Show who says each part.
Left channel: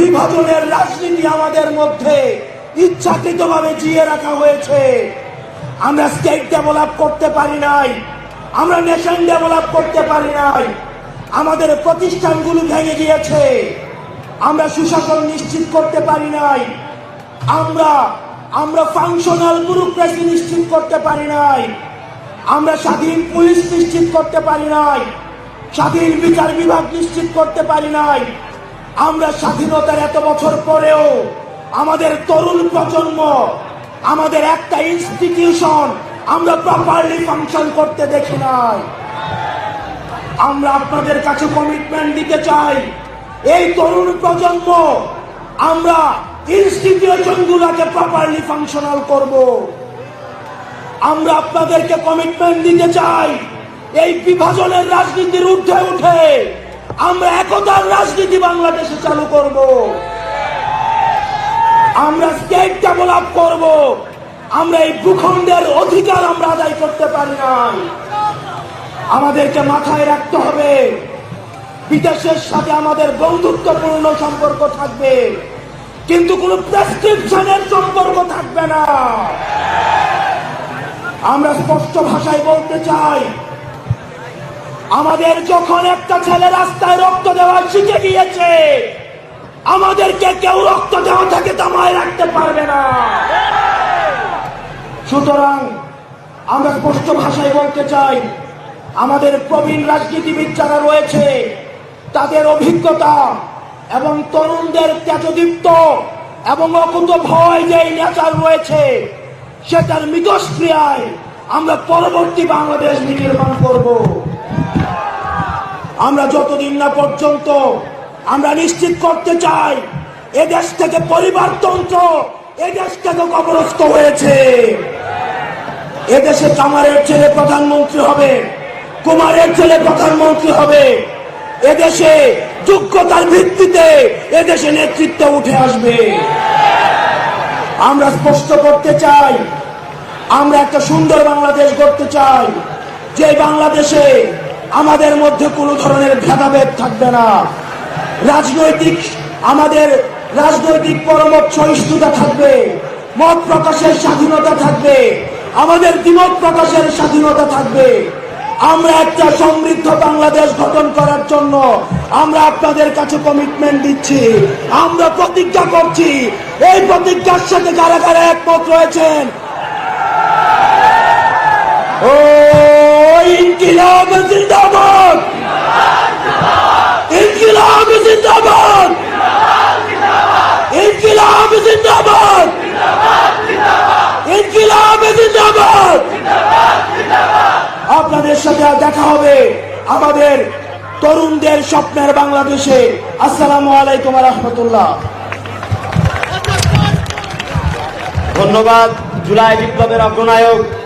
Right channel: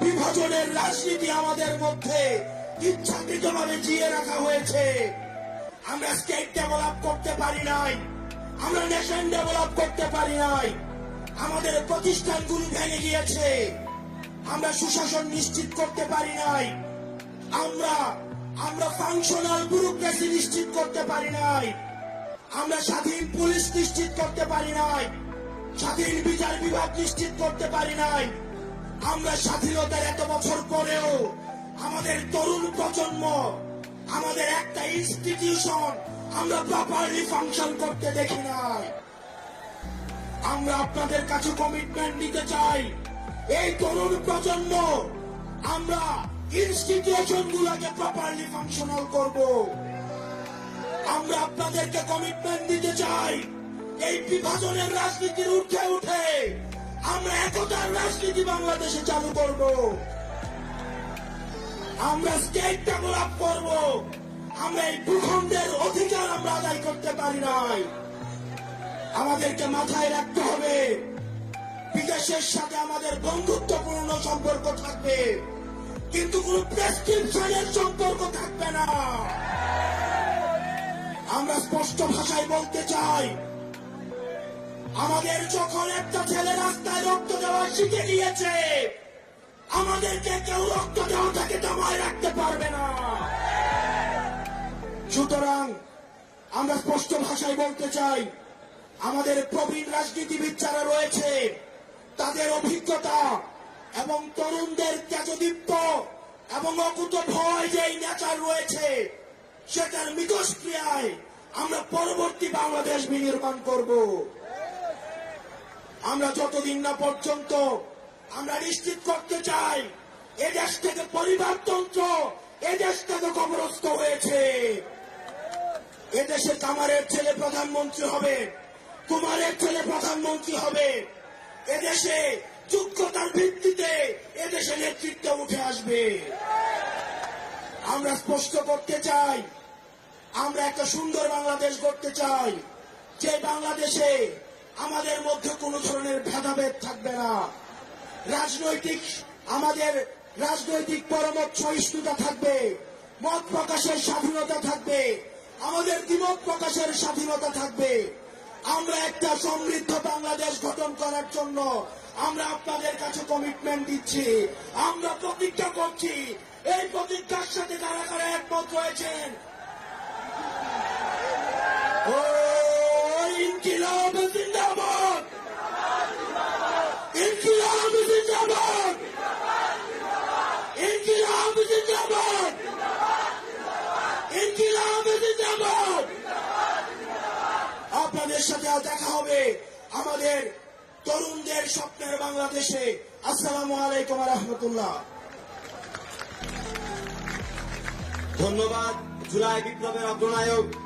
Speaker 1: বিভাজনের রাজনীতি আমাদের মধ্যে ইচ্ছাকৃতভাবে জিয়ে রাখা হয়েছে। আমরা স্টেট ডেভেলপ করতে পারি নাই, আমরা নেশন ডেভেলপ করতে পারি নাই, আমাদের প্রতিষ্ঠানগুলো ভেঙে গিয়েছে, আমরা সুশাসন নিশ্চিত করতে পারি নাই, আমরা আমরা ফাংশনাল ব্যুরোক্রেসি নিশ্চিত করতে পারি নাই, আমরা স্বাধীন পুলিশ নিশ্চিত করতে পারি নাই, স্বাধীন বিচার বিভাগ নিশ্চিত করতে পারি নাই আমরা স্বাধীনতার এত বছর পরেও আমাদের তরুণ প্রজন্ম, আমাদের একটা ইনস্টিটিউশন আমরা প্রপারলি ফাংশন করতে দেখি নাই। আমরা আপনাদের কাছে কমিটমেন্ট দিতে চাই। এই তরুণ প্রজন্ম, আমরা ইনস্টিটিউশন গুলোকে প্রপারলি ফাংশনাল করব। আমরা আপনাদেরকে কমিটমেন্ট দিতে চাই। এই বিভাজনের রাজনীতির ঊর্ধ্বে উঠে আমরা একতার রাজনীতি বাংলাদেশে চালু করব। আমরা স্টেট ডেভেলপ করব। আমরা এই ভূখণ্ডের অধিকার আমরা আদায় করতে পারি নাই। আমাদেরকে মাথায় রাখতে হবে, বিদেশের সাথে আমাদের বন্ধুত্বপূর্ণ সম্পর্ক থাকবে। কিন্তু কোন প্রেসক্রিপশনের সম্পর্ক থাকবে না। আমরা স্পষ্ট ভাষায় বলতে চাই আমাদের যখন একটা ছেলে রাস্তায় রক্ত দেওয়া শিখে গিয়েছে, আমাদেরকে কেউ রক্ত দেওয়া থেকে তামায় রাখতে পারবে না। সুতরাং আমরা স্পষ্ট ভাষায় বলতে চাই, আমাদের প্রবীণ রাজনীতিবিদ যারা রয়েছে, তাদের অভিজ্ঞতা এবং তরুণদের তেজদীপ্ত এবং অকুত ভয় যে নেচার রয়েছে, সেটার মিতস্ক্রিয়ায় আমরা পরবর্তী বাংলাদেশ নির্মাণ করব। আমরা যতদিন না পর্যন্ত আমরা নিশ্চিত করতে চাই, এ দেশ থেকে পরিবারতন্ত্র, এ দেশ থেকে কবরস্থ হয়েছে। এদেশে কামারের ছেলে প্রধানমন্ত্রী হবে, কুমারের ছেলে প্রধানমন্ত্রী হবে। এদেশে যোগ্যতার ভিত্তিতে এদেশে নেতৃত্ব উঠে আসবে। আমরা স্পষ্ট করতে চাই, আমরা একটা সুন্দর বাংলাদেশ গড়তে চাই যে বাংলাদেশে আমাদের মধ্যে কোনো ধরনের ভেদাভেদ থাকবে না। রাজনৈতিক, আমাদের রাজনৈতিক পরমত সহিষ্ণুতা থাকবে, মত প্রকাশের স্বাধীনতা থাকবে, আমাদের দ্বিমত প্রকাশের স্বাধীনতা থাকবে। আমরা একটা সমৃদ্ধ বাংলাদেশ গঠন করার জন্য আমরা আপনাদের কাছে কমিটমেন্ট দিচ্ছি। আমরা প্রতিজ্ঞা করছি, এই প্রতিজ্ঞার সাথে কারা কারা একমত রয়েছেন? ও ইনকিলাব জিন্দাবাদ। ইনকিলাব জিন্দাবাদ। ইনকিলাব জিন্দাবাদ। ইনকিলাব জিন্দাবাদ। আপনাদের সাথে দেখা হবে আমাদের তরুণদের স্বপ্নের বাংলাদেশে। আসসালামু আলাইকুম রহমতুল্লাহ।
Speaker 2: ধন্যবাদ, জুলাই বিপ্লবের অগ্রনায়ক।